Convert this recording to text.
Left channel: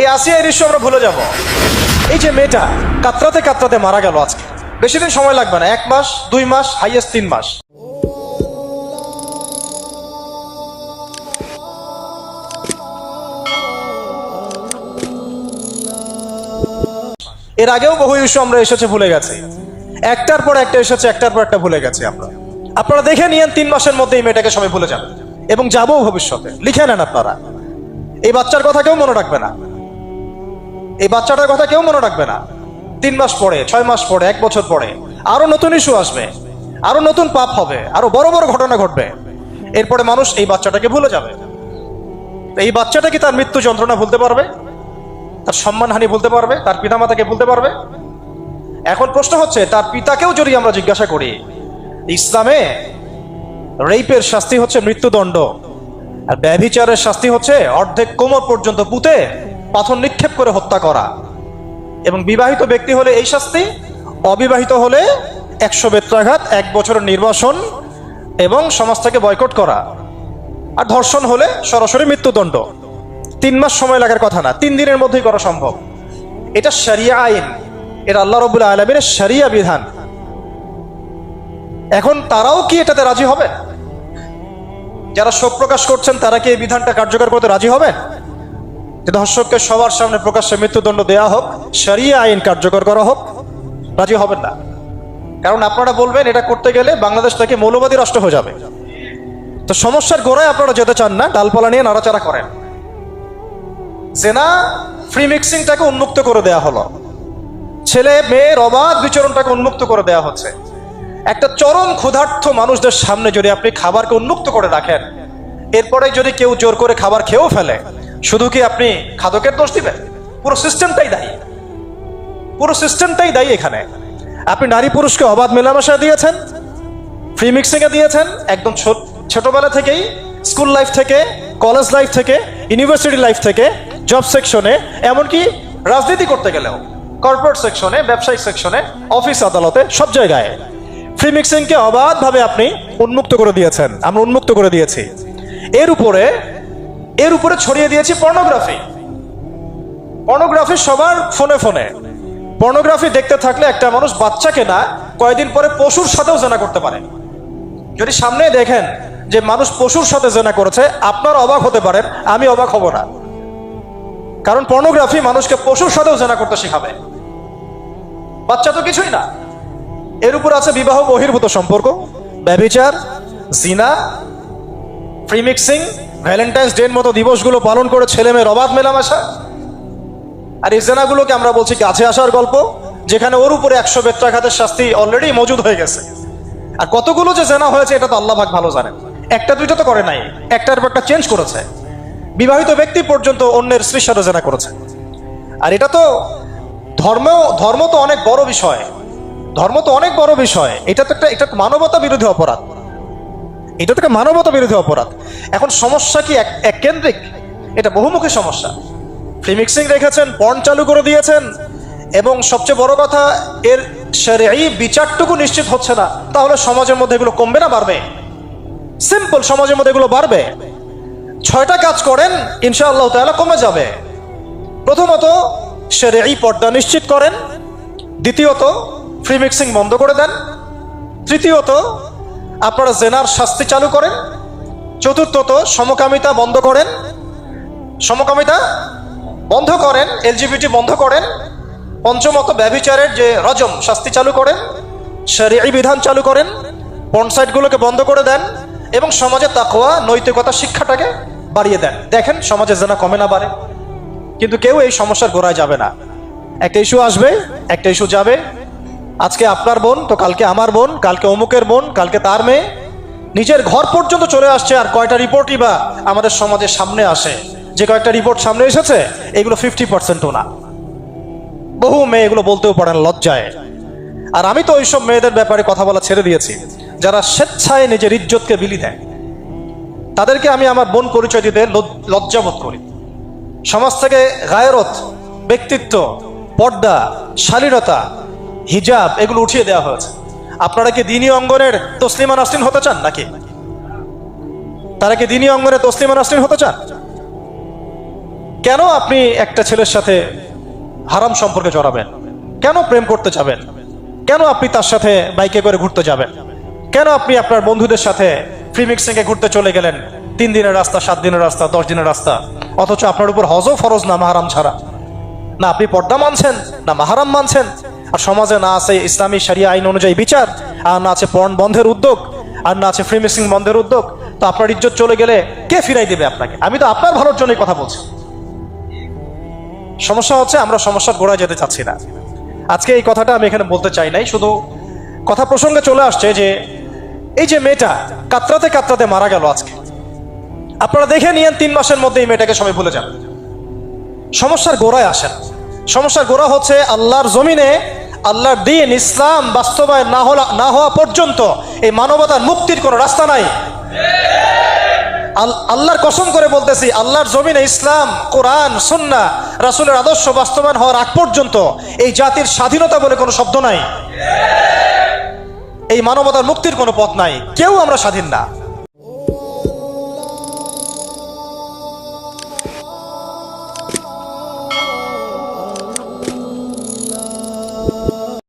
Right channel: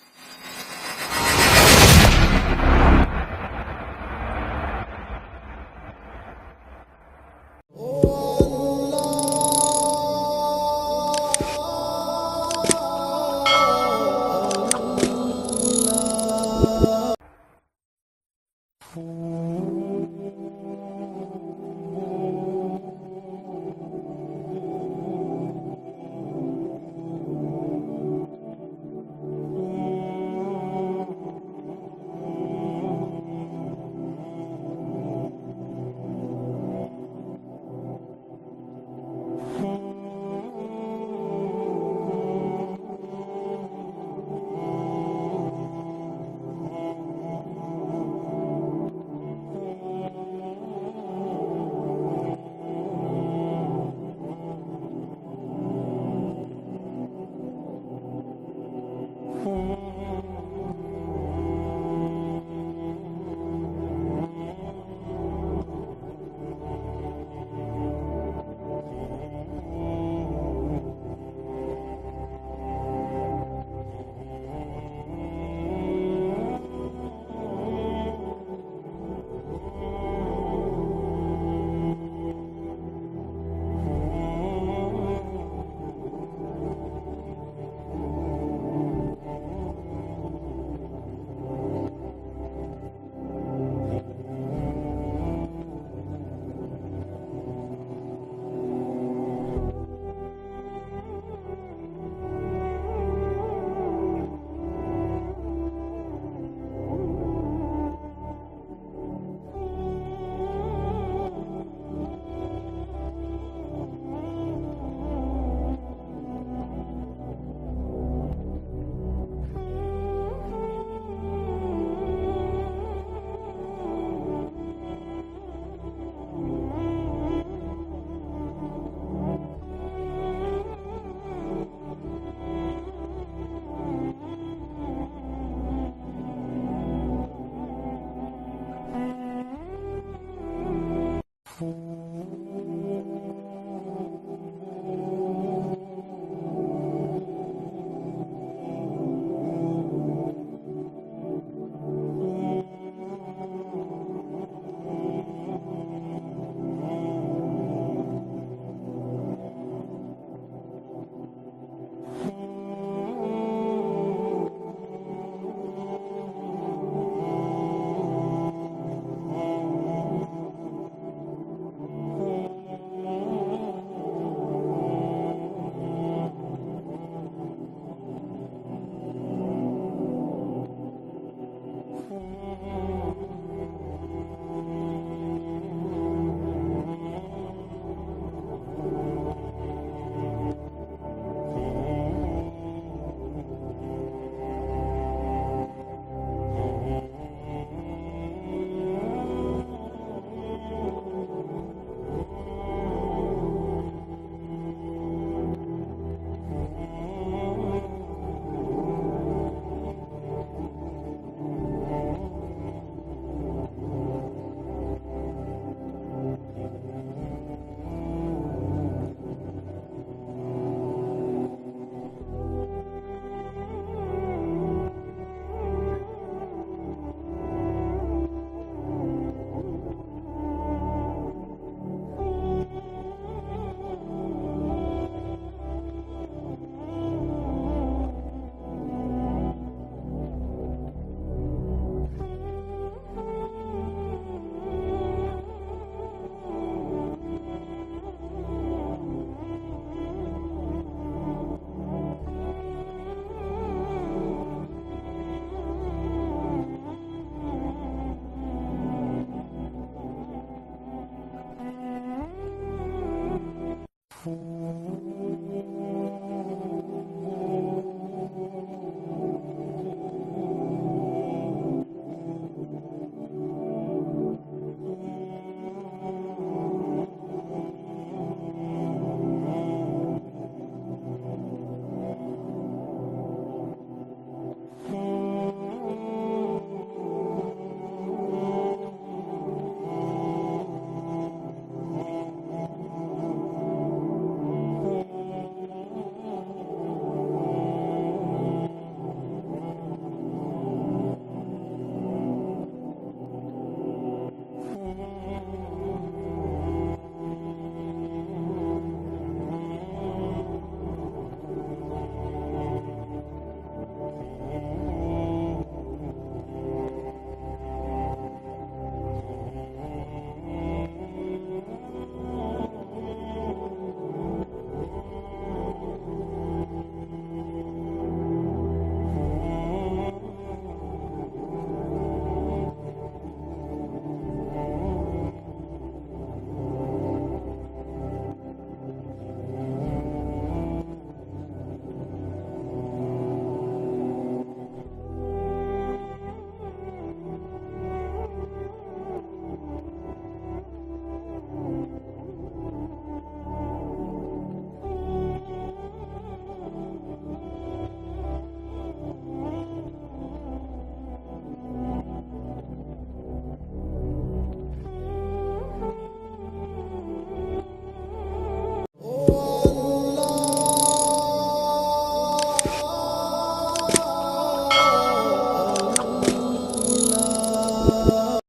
এই আসিয়া দৃশ্য আমরা ভুলে যাব। এই যে মেয়েটা, কাতরাতে কাতরাতে মারা গেল আজকে। বেশি দিন সময় লাগবে না, এক মাস, দুই মাস হাইয়েস্ট তিন মাস। এর আগেও বহু ইস্যু আমরা এসেছে, ভুলে গেছি। একটার পর একটা এসেছে, একটার পর একটা ভুলে গেছি আমরা। আপনারা দেখে নিয়েন, তিন মাসের মধ্যে এই মেয়েটাকে সবাই ভুলে যান এবং যাব ভবিষ্যতে। লিখে নেন আপনারা। এই বাচ্চার কথা কেউ মনে রাখবে না। এই বাচ্চাটার কথা কেউ মনে রাখবে না। তিন মাস পরে, ছয় মাস পরে, এক বছর পরে, আরও নতুন ইস্যু আসবে, আরও নতুন পাপ হবে, আরও বড় বড় ঘটনা ঘটবে। এরপরে মানুষ এই বাচ্চাটাকে ভুলে যাবে। এই বাচ্চাটা কি তার মৃত্যু যন্ত্রণা ভুলতে পারবে? তার সম্মানহানি ভুলতে পারবে? তার পিতামাতাকে ভুলতে পারবে? এখন প্রশ্ন হচ্ছে, তার পিতাকেও যদি আমরা জিজ্ঞাসা করি, ইসলামে রেপের শাস্তি হচ্ছে মৃত্যুদণ্ড, আর ব্যভিচারের শাস্তি হচ্ছে অর্ধেক কোমর পর্যন্ত পুঁতে পাথর নিক্ষেপ করে হত্যা করা। এবং বিবাহিত ব্যক্তি হলে এই শাস্তি, অবিবাহিত হলে একশো বেত্রাঘাত, এক বছরের নির্বাসন এবং সমাজ থেকে বয়কট করা। আর ধর্ষণ হলে সরাসরি মৃত্যুদণ্ড। তিন মাস সময় লাগার কথা না, তিন দিনের মধ্যেই করা সম্ভব। এটা শরিয়া আইন, এটা আল্লাহ রবুল আলমীর শরিয়া বিধান। এখন তারাও কি এটাতে রাজি হবে? যারা শোক প্রকাশ করছেন, তারা কি এই বিধানটা কার্যকর করতে রাজি হবেন? ধর্ষককে সবার সামনে প্রকাশ্যে মৃত্যুদণ্ড দেয়া হোক, শরিয়া আইন কার্যকর করা হোক, রাজি হবেন না। কারণ আপনারা বলবেন এটা করতে গেলে বাংলাদেশ থেকে মৌলবাদী রাষ্ট্র হয়ে যাবে। তো সমস্যার গোড়ায় আপনারা যেতে চান না, ডালপালা নিয়ে নাড়াচাড়া করেন। জেনা ফ্রি মিক্সিংটাকে উন্মুক্ত করে দেয়া হলো। ছেলে মেয়ের অবাধ বিচরণটাকে উন্মুক্ত করে দেয়া হচ্ছে। একটা চরম ক্ষুধার্থ মানুষদের সামনে যদি আপনি খাবারকে উন্মুক্ত করে রাখেন, এরপরে যদি কেউ জোর করে খাবার খেয়েও ফেলে শুধু কি আপনি খাদকের দোষ দিবেন? পুরো সিস্টেমটাই দায়ী। পুরো সিস্টেমটাই দায়ী এখানে। আপনি নারী পুরুষকে অবাধ মেলামেশা দিয়েছেন ফ্রি মিক্সিংয়ে দিয়েছেন, একদম ছোট ছোটবেলা থেকেই স্কুল লাইফ থেকে কলেজ লাইফ থেকে ইউনিভার্সিটি লাইফ থেকে জব সেকশনে এমনকি রাজনীতি করতে গেলেও কর্পোরেট সেকশনে ব্যবসায়িক সেকশনে অফিস আদালতে, সব জায়গায়। ফ্রি মিক্সিংকে অবাধভাবে আপনি উন্মুক্ত করে দিয়েছেন। আমরা উন্মুক্ত করে দিয়েছি। এর উপরে এর উপরে ছড়িয়ে দিয়েছি পর্নোগ্রাফি পর্নোগ্রাফি সবার ফোনে ফোনে পর্নোগ্রাফি দেখতে থাকলে একটা মানুষ বাচ্চাকে না, কয়েকদিন পরে পশুর সাথেও জেনা করতে পারে। যদি সামনে দেখেন যে মানুষ পশুর সাথে জেনা করেছে, আপনার অবাক হতে পারেন, আমি অবাক হব না। কারণ পর্নোগ্রাফি মানুষকে পশুর সাথেও জেনা করতে শেখাবে। বাচ্চা তো কিছুই না। এর উপর আছে বিবাহ বহির্ভূত সম্পর্ক ব্যবিচার জিনা ফ্রি মিক্সিং ভ্যালেন্টাইন্স ডের মতো দিবসগুলো পালন করে ছেলে মেয়ের অবাধ মেলামেশা। আর এই জেনাগুলোকে আমরা বলছি কাছে আসার গল্প, যেখানে ওর উপরে একশো বেত্রাঘাতের শাস্তি অলরেডি মজুদ হয়ে গেছে। আর কতগুলো যে জেনা হয়েছে, এটা তো আল্লাহ ভাগ ভালো জানেন। একটা, দুইটা তো করে নাই, একটার পর একটা চেঞ্জ করেছে। বিবাহিত ব্যক্তি পর্যন্ত অন্যের স্ত্রীর জেনা করেছে। আর এটা তো ধর্ম ধর্ম তো অনেক বড় বিষয়। ধর্ম তো অনেক বড় বিষয়। এটা তো একটা, এটা মানবতা বিরোধী অপরাধ। এটা থেকে মানবতা বিরোধী অপরাধ। এখন সমস্যা কি এক কেন্দ্রিক এটা বহুমুখী সমস্যা। ফ্রি মিক্সিং রেখেছেন পর্ন চালু করে দিয়েছেন, এবং সবচেয়ে বড় কথা, এর এই বিচারটুকু নিশ্চিত হচ্ছে না। তাহলে সমাজের মধ্যে এগুলো কমবে না, বাড়বে? সিম্পল সমাজের মধ্যে এগুলো বাড়বে। ছয়টা কাজ করেন, ইনশাআল্লাহ তাআলা কমে যাবে। প্রথমত এই পর্দা নিশ্চিত করেন। দ্বিতীয়ত ফ্রি মিক্সিং বন্ধ করে দেন। তৃতীয়ত আপনারা জেনার শাস্তি চালু করেন। চতুর্থত সমকামিতা বন্ধ করেন। সমকামিতা বন্ধ করেন, এলজিবিটি বন্ধ করেন। পঞ্চমত ব্যভিচারের যে রজম, শাস্তি চালু করেন। শরীয়ী বিধান চালু করেন। পনসাইটগুলোকে বন্ধ করে দেন এবং সমাজে তাকোয়া নৈতিকতা, শিক্ষাটাকে বাড়িয়ে দেন। দেখেন, সমাজে জেনা কমে না বাড়ে। কিন্তু কেউ এই সমস্যার গোড়ায় যাবে না। একটা ইস্যু আসবে, একটা ইস্যু যাবে। আজকে আপনার বোন, তো কালকে আমার বোন, কালকে অমুকের বোন, কালকে তার মেয়ে। নিজের ঘর পর্যন্ত চলে আসছে আর কয়টা রিপোর্টই বা আমাদের সমাজের সামনে আসে। যে কয়েকটা রিপোর্ট সামনে এসেছে, এগুলো ফিফটি পার্সেন্টও না। বহু মেয়ে এগুলো বলতেও পারেন লজ্জায়। আর আমি তো ওইসব মেয়েদের ব্যাপারে কথা বলা ছেড়ে দিয়েছি। যারা স্বেচ্ছায় নিজের ইজ্জতকে বিলি দেয়। তাদেরকে আমি আমার বোন পরিচয় দিতে লজ- লজ্জাবোধ করি। সমাজ থেকে গায়রত ব্যক্তিত্ব, পর্দা, শালীনতা হিজাব, এগুলো উঠিয়ে দেওয়া হয়েছে। আপনারা কি দিনী অঙ্গনের তসলিমা নাসরিন হতে চান নাকি? তারা কি দিনী অঙ্গনে তসলিমা নাসরিন হতে চান? কেন আপনি একটা ছেলের সাথে হারাম সম্পর্কে জড়াবেন? কেন প্রেম করতে যাবেন? কেন আপনি তার সাথে বাইকে করে ঘুরতে যাবেন? কেন আপনি আপনার বন্ধুদের সাথে ফ্রি মিক্সিংয়ে ঘুরতে চলে গেলেন? তিন দিনের রাস্তা, সাত দিনের রাস্তা, দশ দিনের রাস্তা। অথচ আপনার উপর হজও ফরজ, না মাহারাম ছাড়া। না আপনি পর্দা মানছেন, না মাহারাম মানছেন। আর সমাজে না আছে ইসলামী সারিয়া আইন অনুযায়ী বিচার, আর না আছে পর্ন বন্ধের উদ্যোগ, আর না আছে ফ্রি মিক্সিং বন্ধের উদ্যোগ, তো আপনার ইজ্জত চলে গেলে কে ফিরাই দেবে আপনাকে? আমি তো আপনার ভালোর জন্যই কথা বলছি। সমস্যা হচ্ছে আমরা সমস্যার গোড়ায় যেতে চাচ্ছি না। আজকে এই কথাটা আমি এখানে বলতে চাই নাই, শুধু কথা প্রসঙ্গে চলে আসছে যে এই যে মেয়েটা কাতরাতে কাতরাতে মারা গেল আজকে। আপনারা দেখে নিয়েন তিন মাসের মধ্যে এই মেয়েটাকে সবাই ভুলে যান সমস্যার গোড়ায় আসেন সমস্যার গোড়া হচ্ছে আল্লাহর জমিনে, আল্লাহর দিন ইসলাম বাস্তবায়ন না হলা, না হওয়া পর্যন্ত এই মানবতার মুক্তির কোনো রাস্তা নাই। আল- আল্লাহর কসম করে বলতেছি, আল্লাহর জমিনে ইসলাম, কোরআন, সুন্না, রাসূলের আদর্শ বাস্তবায়ন হওয়ার আগ পর্যন্ত এই জাতির স্বাধীনতা বলে কোনো শব্দ নাই। এই মানবতার মুক্তির কোনো পথ নাই। কেউ আমরা স্বাধীন না।